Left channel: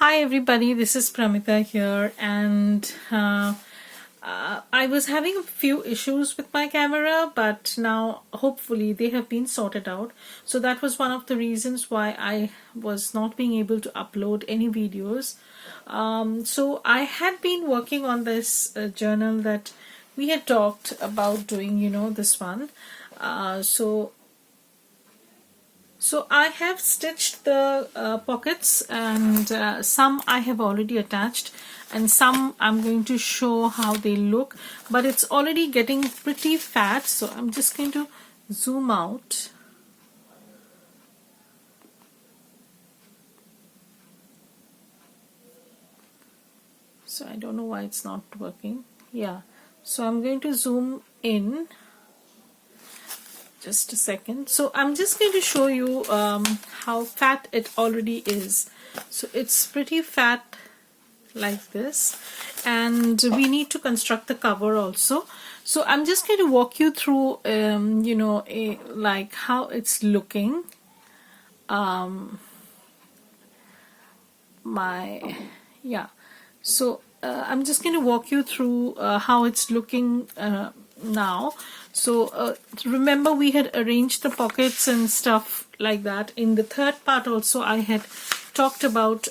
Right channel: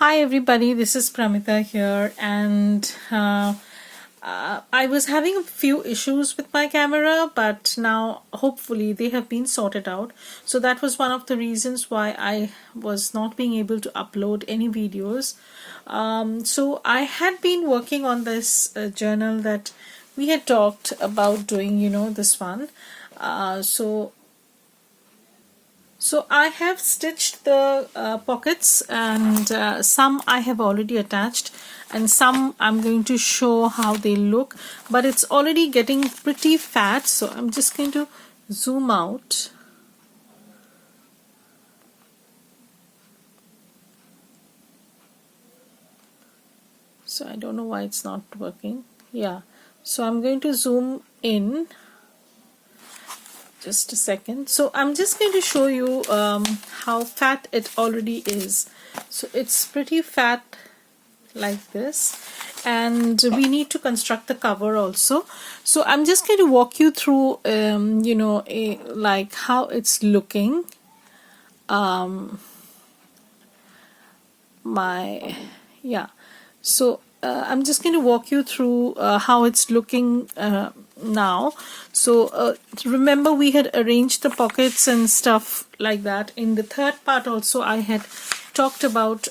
Hi everybody, this is Pramita here, and I was having a few issues with my camera, but now hopefully they have been sorted out. So that was one of the reasons why I was not being able to upload any videos. So I had been working on this journal that we had talked about doing, this one. So I have stitched the pockets, and some I have already attached, and some I'm going to show how they look, but it's already getting pretty fat, so I'm just going to zoom out. So I don't know why it's not working. Yeah, so I'm going to zoom in. Just a second. So I'm just going to show you how fat it already is. So it's pretty fat like this, and we need to construct the cover also. So I'm just going to walk you through like how it's looking. So I'm just going to walk you through how it's looking now. So remember, we had arranged the pockets and stuff like that. In the third part also I had talked about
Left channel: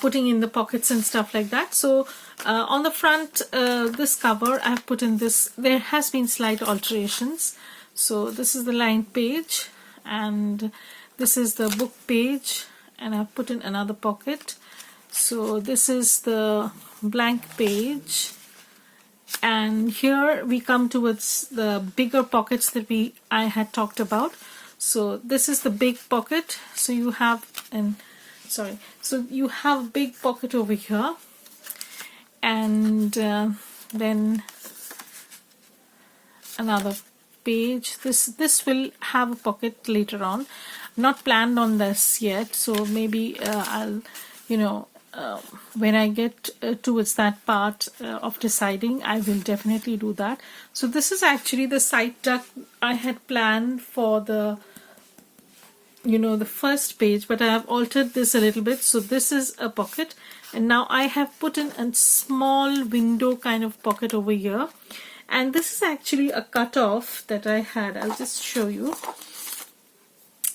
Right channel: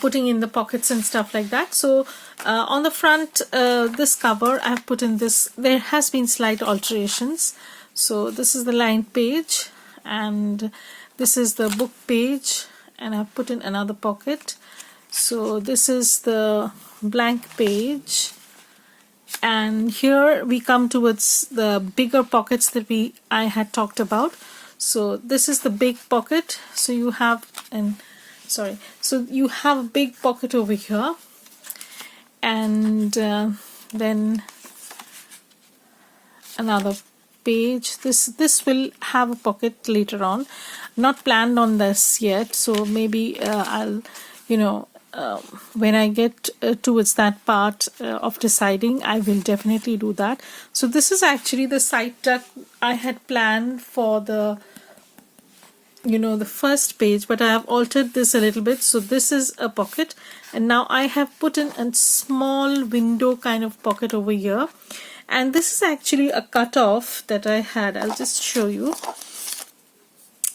putting in the pockets and stuff like that. So on the front, this cover I've put in this, there has been slight alterations. So this is the lined page, and this is the book page, and I've put in another pocket. So this is the blank page, and here we come towards the bigger pockets that I had talked about. So this is the big pocket. So you have you have a big pocket over here, and then another page. This will have a pocket later on. Not planned on this yet, so maybe I'll when I get towards that part of deciding, I will definitely do that. So this is actually the side tuck I had planned for the the first page, but I have altered this a little bit. So this is a pocket, and now I have put in a small window kind of pocket over here, and this is actually a cutoff that I had. I'll just show you.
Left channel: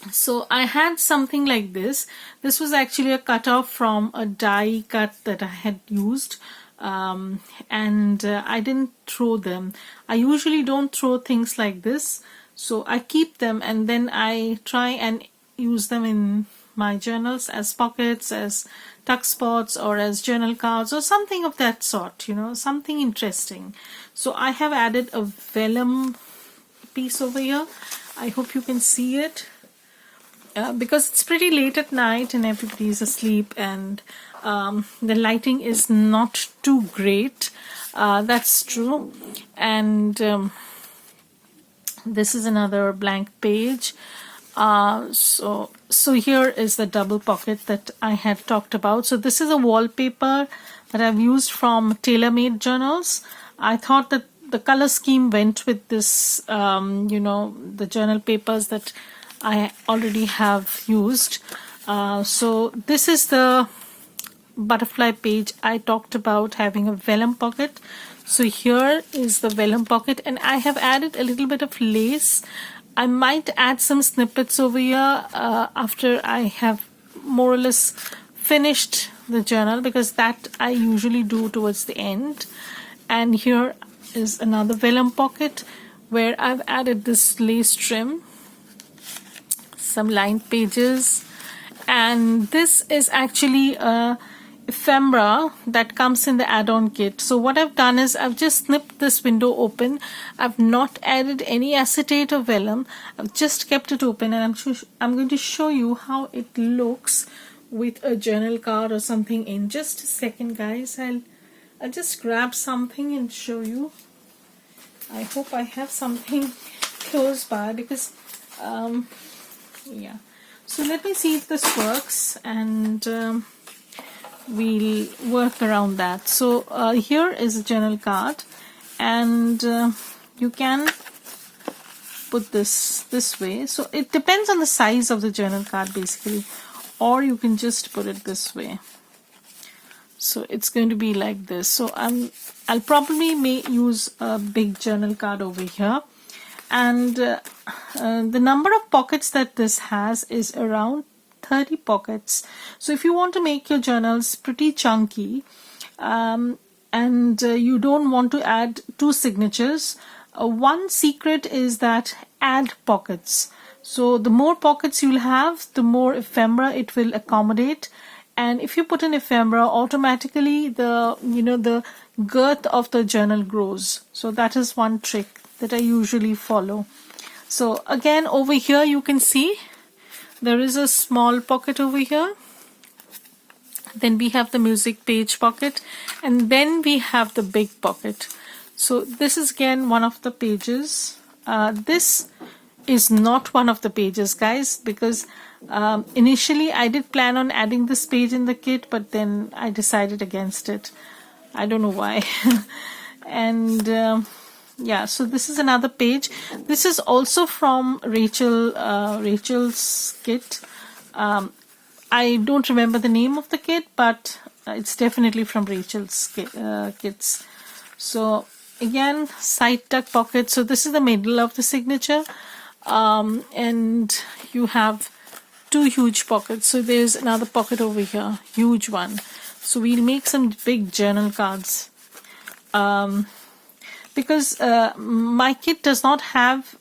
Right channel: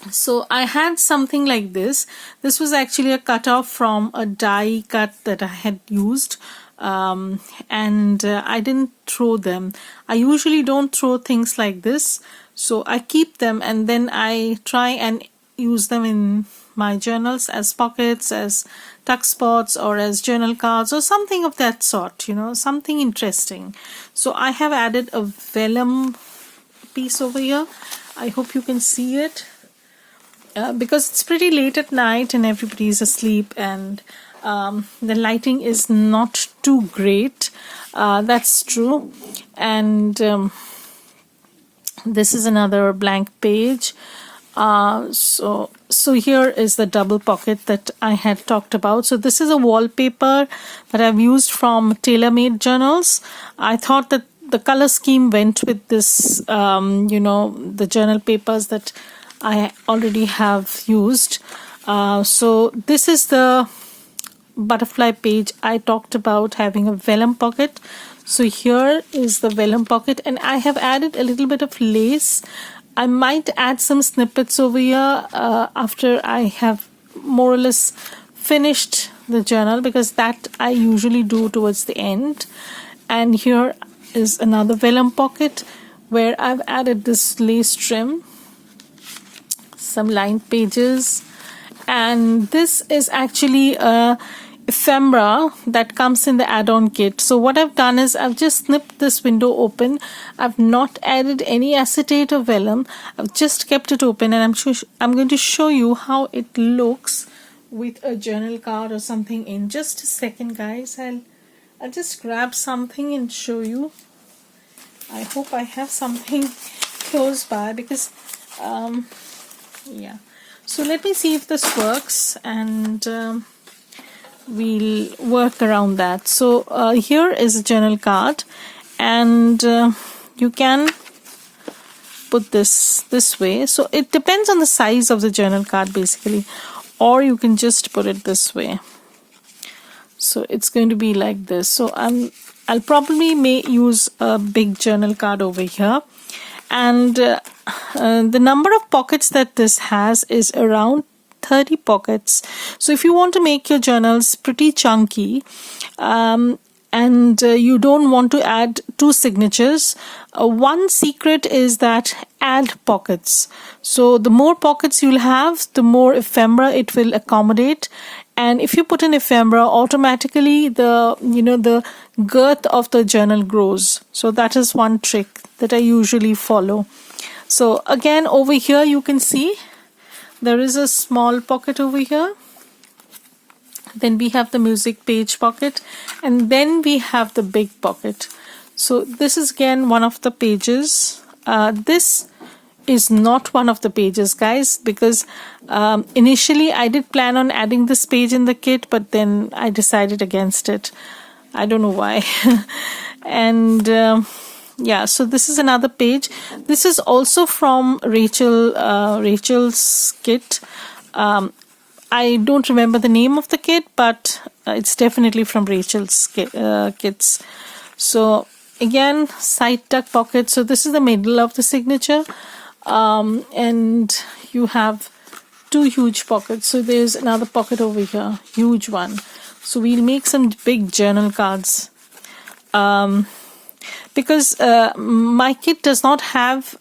So I had something like this. This was actually a cutoff from a die cut that I had used, and I didn't throw them. I usually don't throw things like this, so I keep them, and then I try and use them in my journals as pockets, as tuck spots, or as journal cards, or something of that sort, something interesting. So I have added a vellum piece over here. I hope you can see it. Because it's pretty late at night and everybody's asleep, and the lighting is not too great. That's true. And this is another blank page. So here is the double pocket that I had talked about. So this is a wallpaper that I've used from TaylorMade journals. I thought that the color scheme went with this, the journal papers that I already have used. So this is the butterfly page I talked about, having a vellum pocket. So here is the vellum pocket, and I have added a little bit of lace. I might add some snippets over here after I have more or less finished the journal, because that I usually do towards the end. And here is another vellum pocket where I've added this lace trim, some lined pages, and this is actually a ephemera that comes in the add-on kit. So what I've done is I've just snipped this window open. I've not added any acetate or vellum. I've just kept it open, and I'm going to show you how it looks with a journal card or something in just a second, guys. I'll just grab something and show you. I hope I have something close by, because yeah. So let me see if this works, and we'll work around that. So here is a journal card, and you can put this way. So it depends on the size of the journal card basically. or you can just put it this way. So it's going to be like this. So I'll probably may use a big journal card over here. And the number of pockets that this has is around 30 pockets. So if you want to make your journals pretty chunky, and you don't want to add two signatures, one secret is that add pockets. So the more pockets you'll have, the more ephemera it will accommodate. And if you put an ephemera, automatically the girth of the journal grows. So that is one trick that I usually follow. So again, over here you can see there is a small pocket over here. Then we have the music page pocket, and then we have the big pocket. So this is again one of the pages. This is not one of the pages, guys, because initially I did plan on adding this page in the kit, but then I decided against it. I don't know why. And yeah, so this is another page. This is also from Rachel's kit. I don't remember the name of the kit, but it's definitely from Rachel's kits. So again, side tuck pocket. So this is the middle of the signature. And you have two huge pockets. So there's another pocket over here, huge one. So we'll make some big journal cards. Because my kit does not have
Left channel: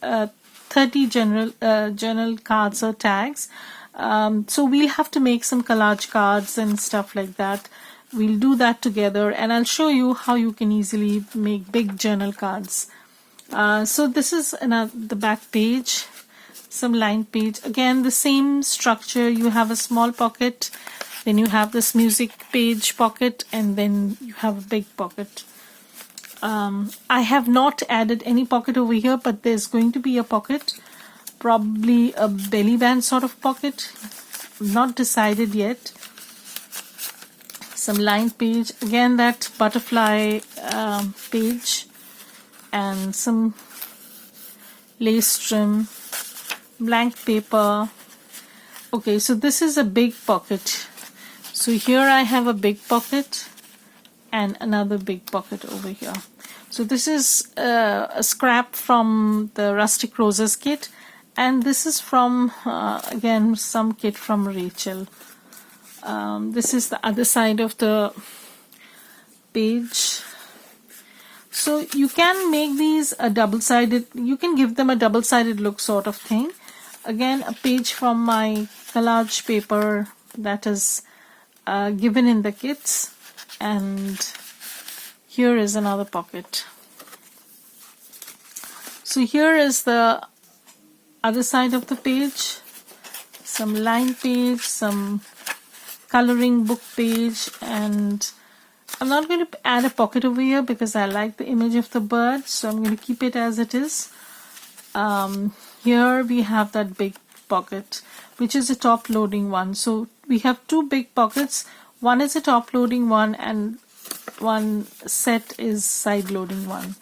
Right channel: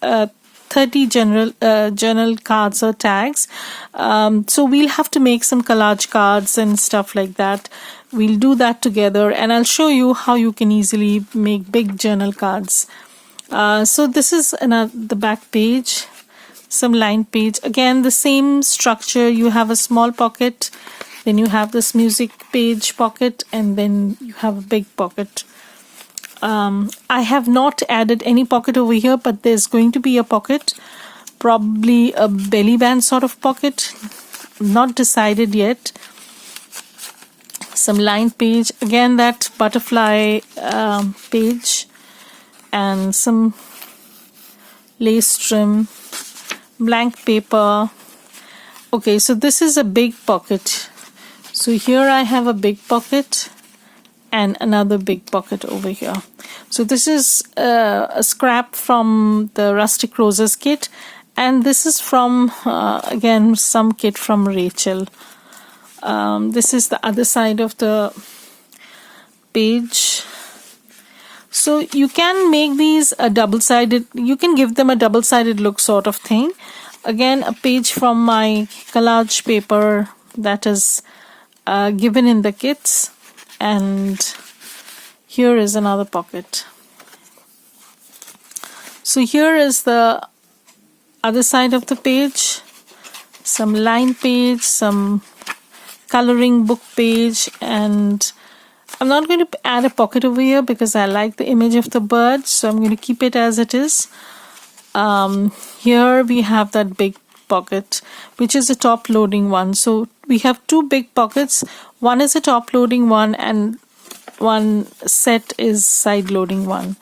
30 journal cards or tags. So we'll have to make some collage cards and stuff like that. We'll do that together, and I'll show you how you can easily make big journal cards. So this is the back page, some lined page. Again, the same structure. You have a small pocket, then you have this music page pocket, and then you have a big pocket. I have not added any pocket over here, but there's going to be a pocket, probably a belly band sort of pocket. Not decided yet. Some lined page, again that butterfly page, and some lace trim, blank paper. Okay, so this is a big pocket. So here I have a big pocket and another big pocket over here. So this is a scrap from the Rustic Roses kit, and this is from again some kit from Rachel. This is the other side of the page. So you can make these a double-sided, you can give them a double-sided look sort of thing. Again, a page from my collage paper that is given in the kits, and here is another pocket. So here is the other side of the page, some line page, some coloring book page, and I'm not going to add a pocket over here because I like the image of the bird, so I'm going to keep it as it is. Here we have that big pocket, which is a top loading one. So we have two big pockets. One is a top loading one, and one set is side loading one.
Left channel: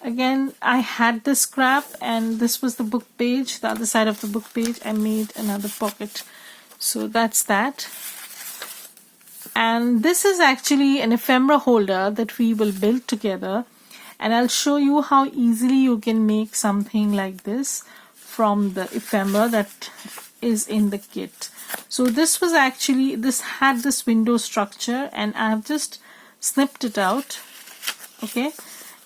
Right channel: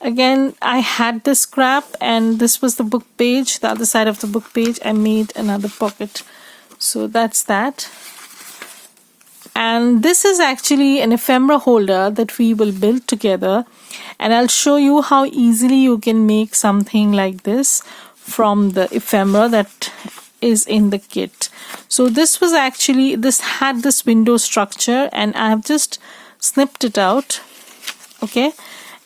Again, I had this scrap, and this was the book page, the other side of the book page. I made another pocket. So that's that. And this is actually an ephemera holder that we will build together, and I'll show you how easily you can make something like this from the ephemera that is in the kit. So this was actually, this had this window structure, and I have just snipped it out. Okay,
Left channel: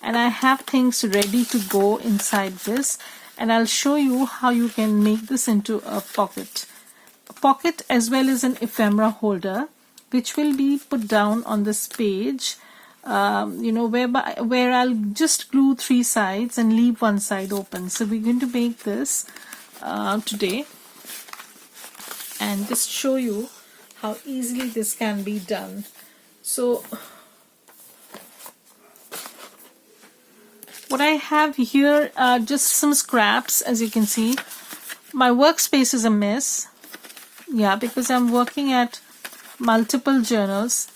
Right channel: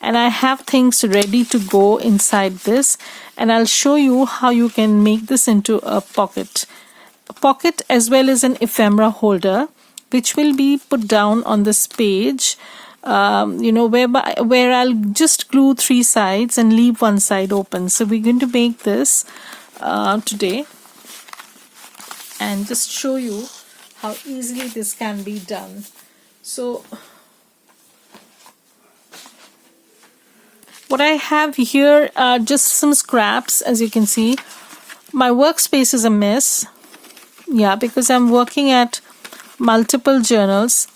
and I have things ready to go inside this, and I'll show you how you can make this into a pocket as well as an ephemera holder, which will be put down on this page, where I'll just glue three sides and leave one side open. So we're going to make this today, and just show you how easily this can be done. So what I have here are just some scraps. As you can see, my workspace is a mess. Yeah, because I'm working at multiple journals.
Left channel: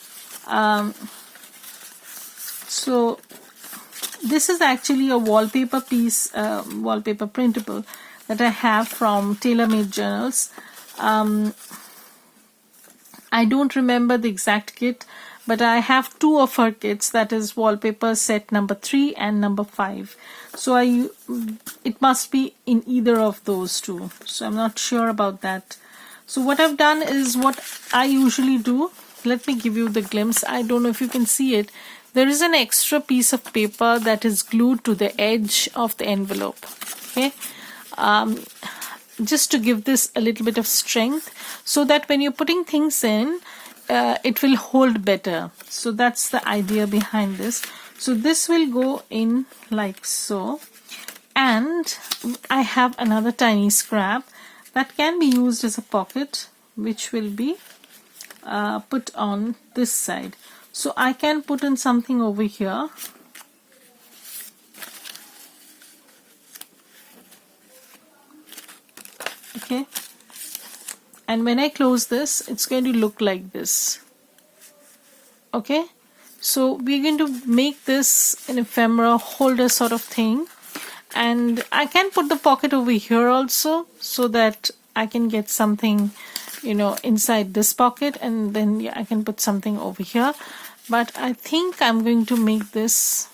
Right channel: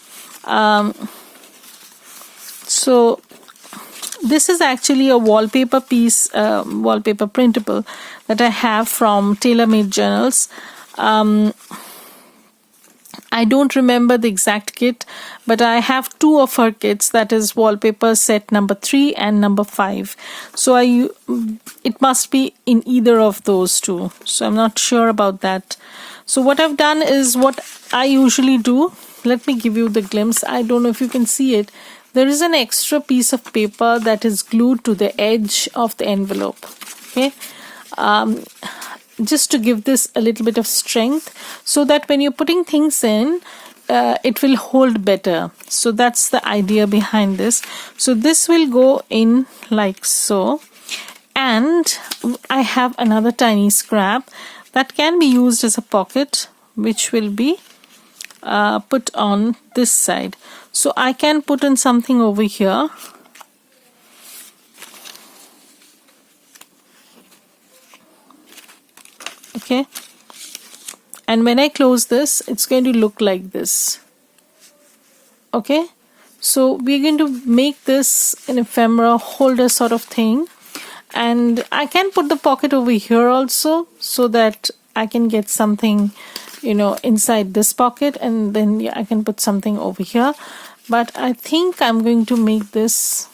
So this is actually a wallpaper piece, wallpaper printable that I have from TaylorMade Journals. I don't remember the exact kit, but I have two of her kits, that is wallpaper set number 3 and number 5. So it must be in either of those two. So I'm not sure about that. So what I've done is what I usually do. Let me give you the glimpse. I don't know if you can see it. There is an extra piece of paper that is glued to the edge of the envelope. Okay. Just to give this a little bit of strength, so that when you're putting things in, it will hold better. So that's the idea behind this. So this will go in like so, and I have another tiny scrap that can be used as a pocket, which will be put on this side. So I can put in something over here. Okay, and when I close this, it's going to look like this. Okay, so we're going to make this an ephemera holder sort of thing, and I can put the pocket over here also, so that I can get something, you know, inside this pocket, and then yeah, I can put something over here. But I think I'm going to make this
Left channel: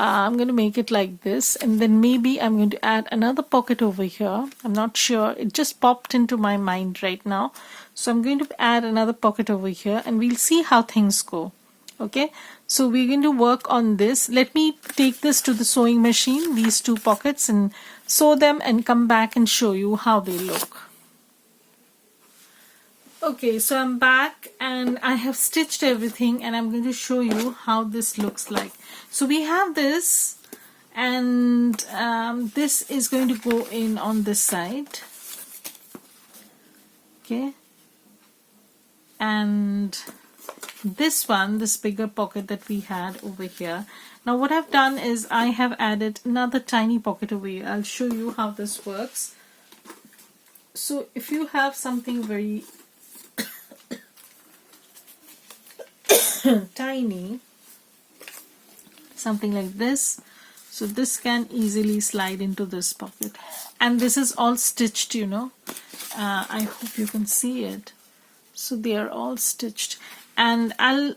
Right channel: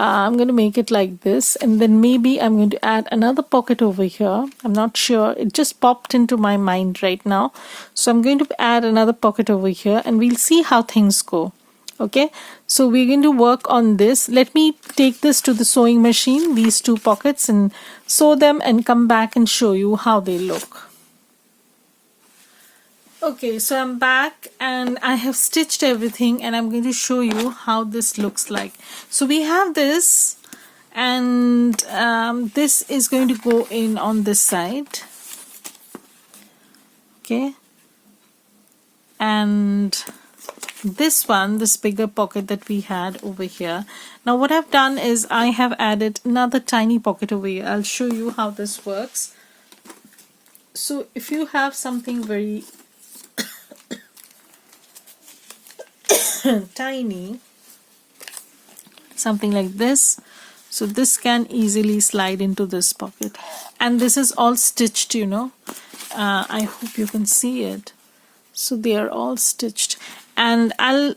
I'm going to make it like this, and then maybe I'm going to add another pocket over here. I'm not sure. It just popped into my mind right now. So I'm going to add another pocket over here, and we'll see how things go. Okay, so we're going to work on this. Let me take this to the sewing machine, these two pockets, and sew them and come back and show you how they look. Okay, so I'm back and I have stitched everything, and I'm going to show you how this looks like. So we have this, and this is going to go in on this side. Okay, and this one, this bigger pocket that we had over here. Now what I've done is I have added another tiny pocket over here. I'll show you how this works. So if you have something very tiny, something like this, so this can easily slide into this pocket, and this is all stitched, you know. I hope you can see it. So they are all stitched, and I'll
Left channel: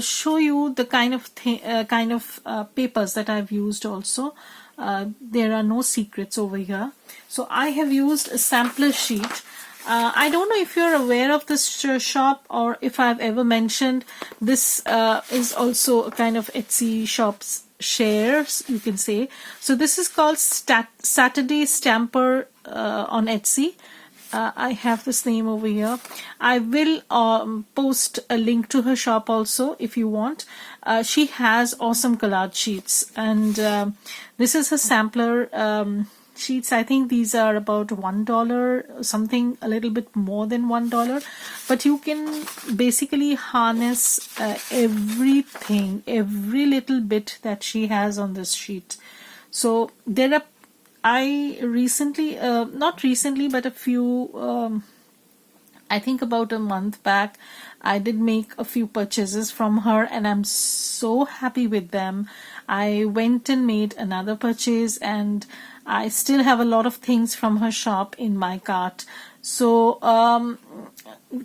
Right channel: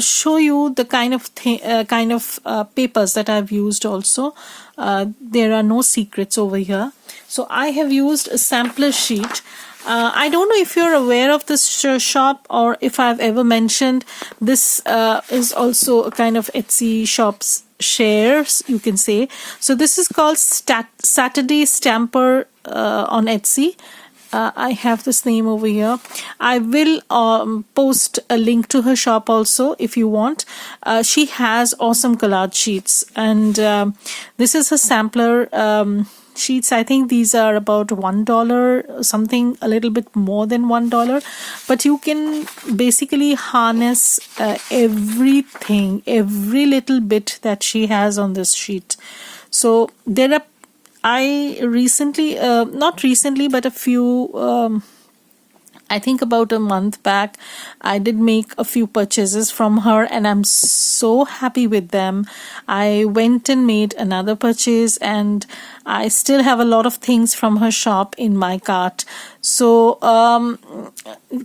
show you the kind of papers that I've used also. There are no secrets over here. So I have used a sampler sheet. I don't know if you're aware of this shop, or if I've ever mentioned. This is also a kind of Etsy shop's shares, you can say. So this is called Saturday Stamper on Etsy. I have this name over here. I will post a link to her shop also if you want. She has awesome collage sheets, and this is a sampler sheets. I think these are about $1, something a little bit more than $1, but you can basically harness everything, every little bit that she has on this sheet. So there are, I recently, not recently, but a few, I think about a month back, I did make a few purchases from her, and I'm so happy with them. I went and made another purchase, and I still have a lot of things from her shop in my cart. So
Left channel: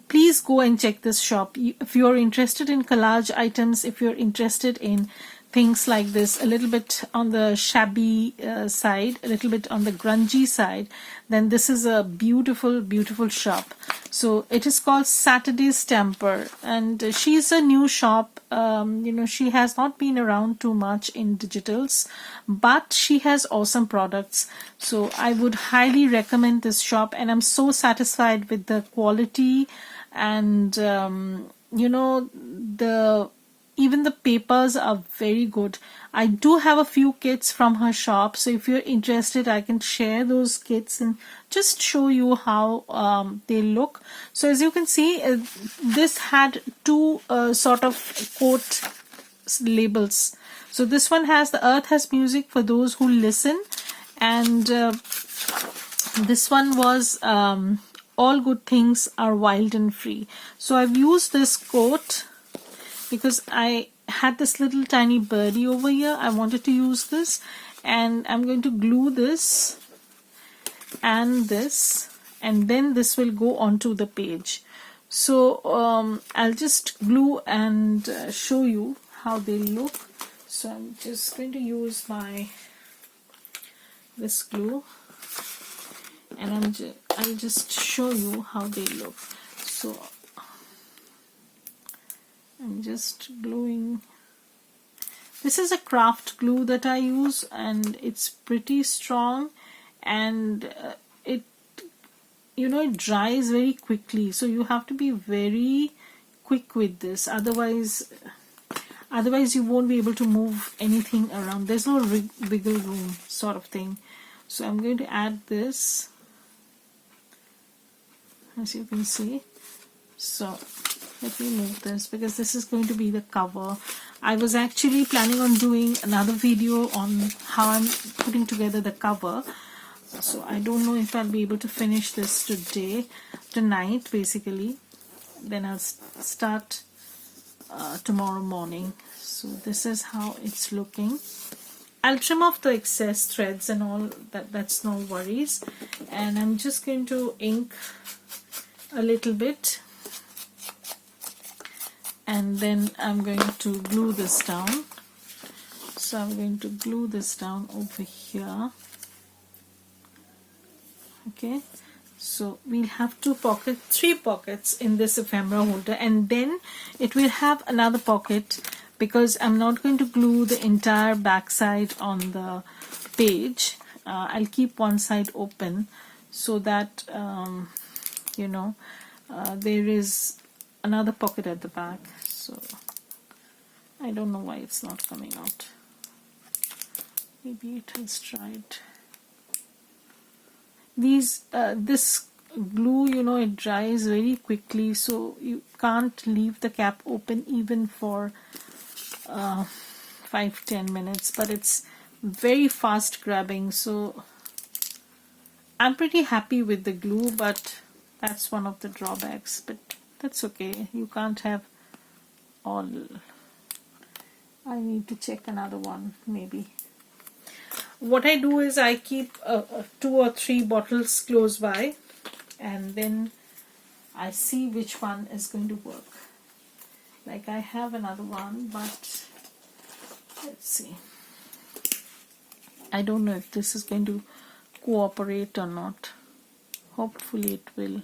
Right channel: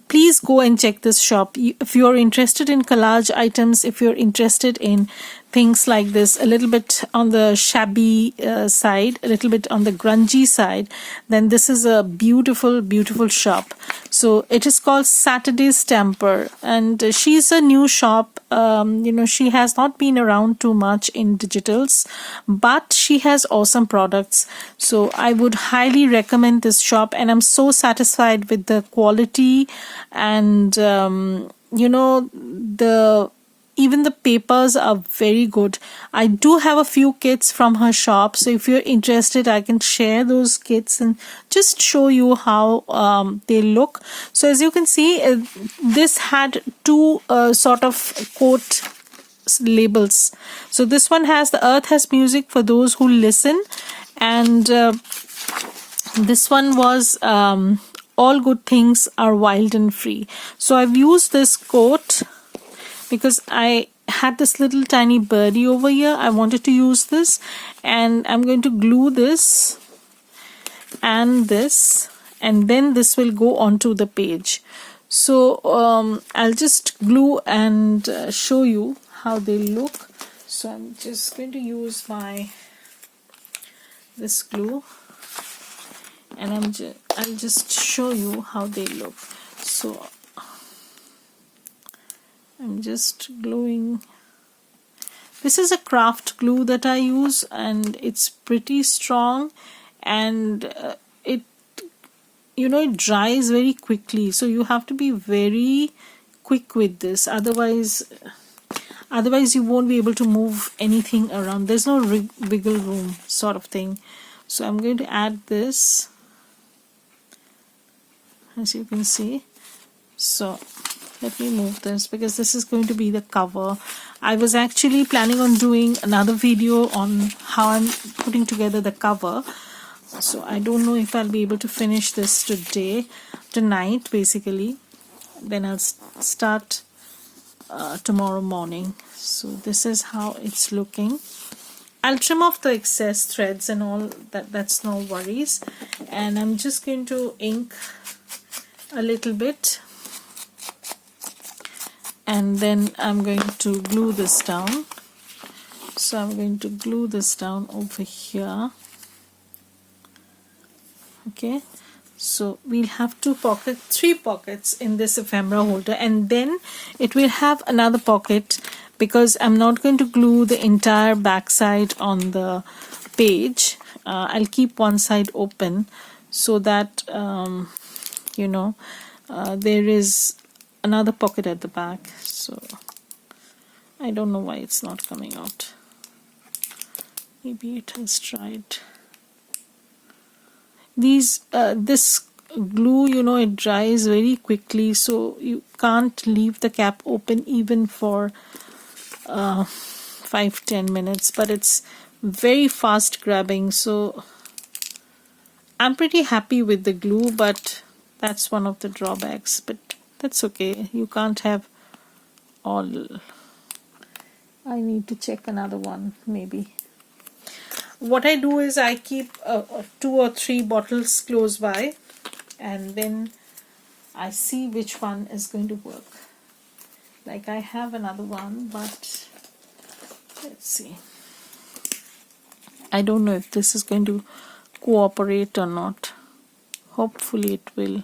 please go and check this shop. If you're interested in collage items, if you're interested in things like this, a little bit on the shabby side, a little bit on the grungy side, then this is a beautiful, beautiful shop. So it is called Saturday Stamper, and she's a new shop. You know, she has not been around too much in digitals, but she has awesome products. So I would highly recommend this shop, and I'm so satisfied with the quality, and you know, even the papers are very good. I do have a few kits from her shop, so if you're interested, I can share those kits and just show you how they look. So as you can see, this had two sort of quote labels. So this one has "The Earth Has Music for Those Who Listen," and this one was "All Good Things Are Wild and Free." So I've used this quote because I had this little tiny birdie over here. I wanted to use this, and I'm going to glue this and this, and then this will go onto the page. So I'll just glue and show you how they look. So I'm just going to use this glue, and I'll just show you how they look. So I'm just gluing. This is a craft glue that I use, and it's pretty strong, and it it dries very quickly, so you have to be very quick with this, otherwise you won't be able to move anything around. There's no wiggle room sort of thing. So I'm going to add this, as you can see. So let me move this, because this is going to be the cover. I was actually planning on doing another video on how I'm putting together the cover, so I don't know if I'll be able to finish this tonight basically. Then I'll start tomorrow morning. So this is how it's looking. I'll trim off the excess threads and all that's no worries. And I'm just going to ink a little bit, and then I'm going to glue this down. So I'm going to glue this down over here. Okay, so we'll have three pockets in this ephemera holder, and then it will have another pocket, because I'm not going to glue the entire back side on the page. I'll keep one side open so that there is another pocket at the back. So I don't know why it's not coming out. Maybe it has dried. This glue, it dries very quickly, so you can't leave the cap open even for 5-10 minutes, but it's very fast grabbing. So I'm pretty happy with the glue, but that's one of the drawbacks, but that's okay. You can't have all. I need to check another one maybe. What I do is I keep 2 or 3 bottles close by, and then I see which one is going to work. Like I have another one, but let's see. I don't know if this is going to cooperate or not. Hopefully it will.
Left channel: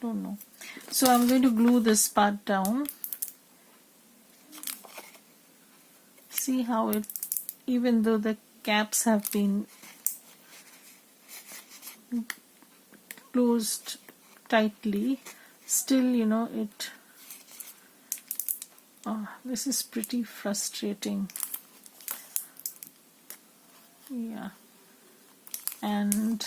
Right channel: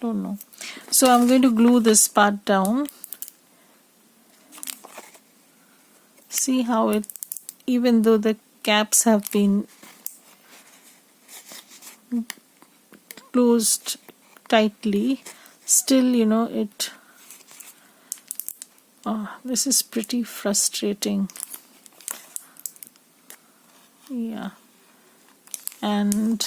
Don't know. So I'm going to glue this part down. See how it, even though the caps have been closed tightly, still it this is pretty frustrating. Yeah, and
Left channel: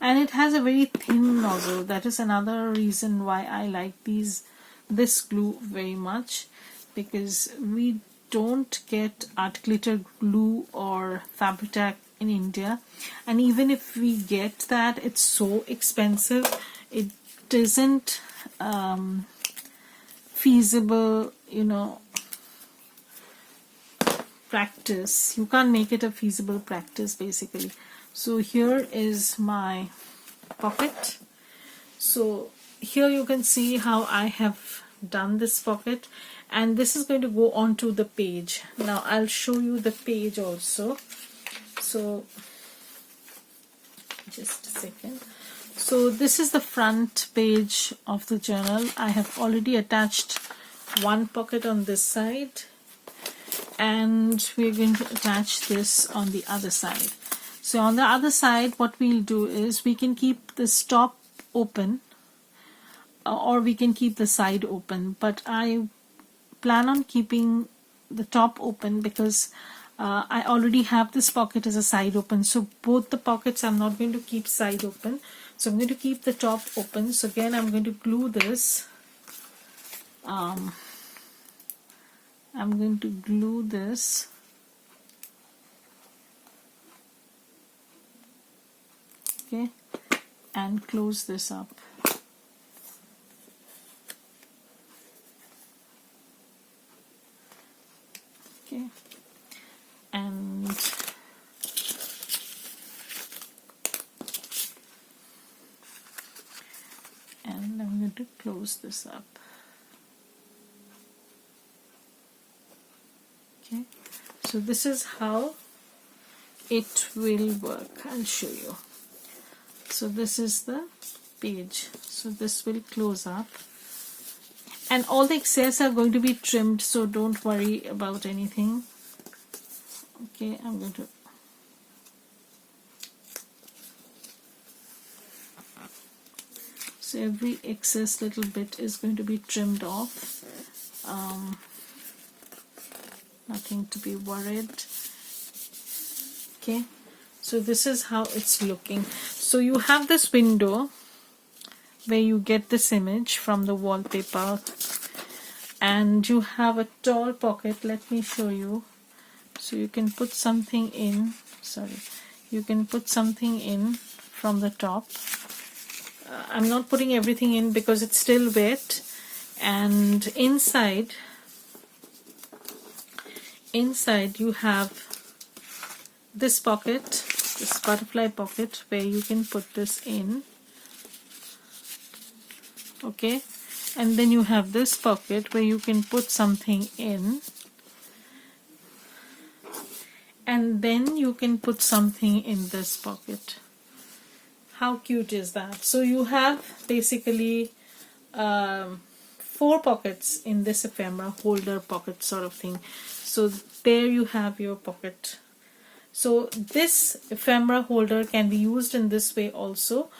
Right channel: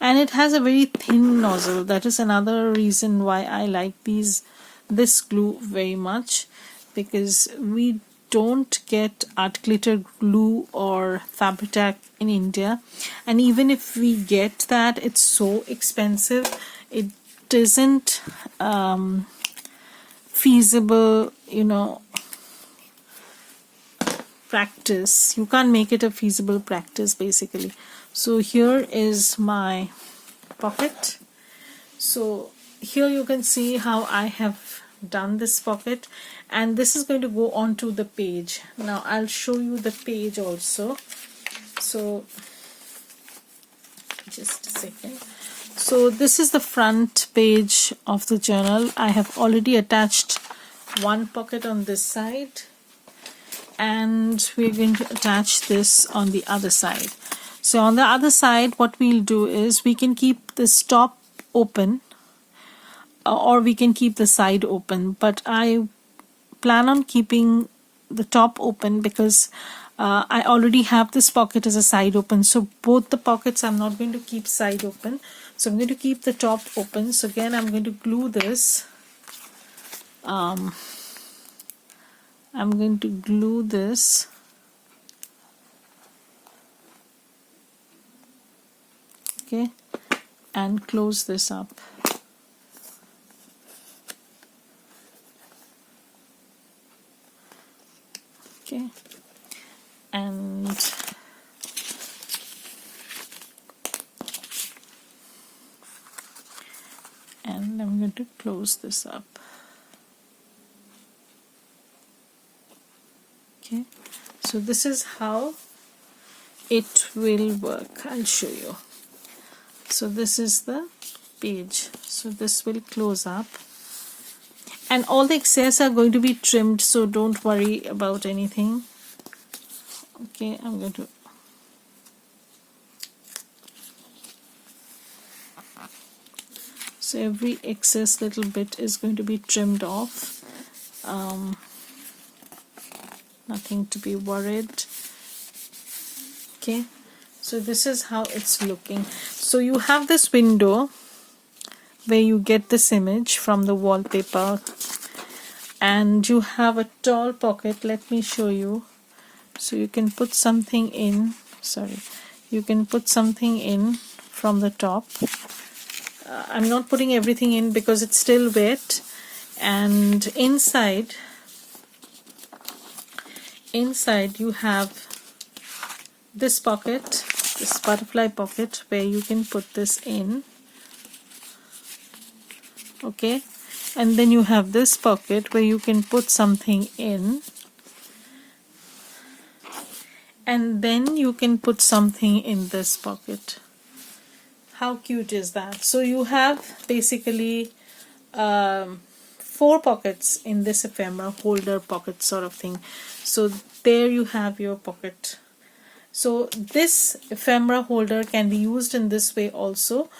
it has a very thin nozzle. That is another reason why I like this glue very much, because we don't get art glitter glue or Fabri-Tac in India, and even if we get that, it's so expensive. It isn't feasible, practice. You can't make it a feasible practice basically. So here is my pocket. So here you can see how I have done this pocket, and this is going to go onto the page. Now I'll show you the page also. So just a second. So this is the front page of the journal. I have already attached one pocket on this side, and we're going to attach this on the other side. So on the other side, what we'll do is we can keep this top open, or we can keep the side open, but I plan on keeping the top open because I already have this pocket as a side open. So both the pockets I'm not going to keep side open, so I'm going to keep the top open. So again, I'm going to glue this. I'm going to glue this. Okay, and close this up. Okay, and and I'm going to close this up. Okay, so this is how it will work. I'll show you. So this is the page. So this will close up, and all the excess are going to be trimmed, so don't worry about anything. Okay, I'm going to so every excess little bit is going to be trimmed off. Nothing to be worried. Okay, so this is how it's looking. So you have this window where you get this image from the wallpaper, and you have a tall pocket. Let me show you. So you can put something in. You can put something in from the top. I'm not putting everything in because it's still wet, and inside you have this pocket, this butterfly pocket, where you can put this in. Okay, and then you have this pocket where you can put something in, and then you can put something in this pocket. How cute is that? So you have basically 4 pockets in this ephemera holder pocket sort of thing. So there you have your pocket. So this ephemera holder can be used in this way also,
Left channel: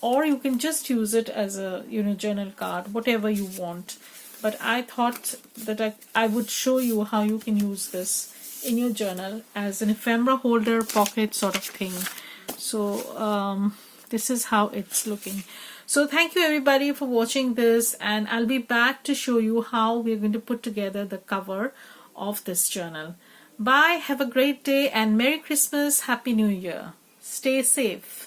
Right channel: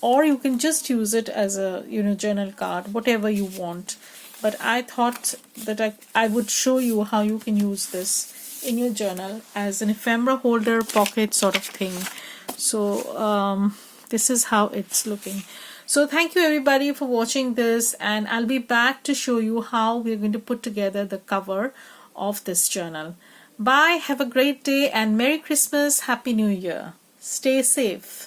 or you can just use it as a journal card, whatever you want. But I thought that I would show you how you can use this in your journal as an ephemera holder pocket sort of thing. So this is how it's looking. So thank you everybody for watching this, and I'll be back to show you how we're going to put together the cover of this journal. Bye, have a great day, and Merry Christmas, Happy New Year. Stay safe.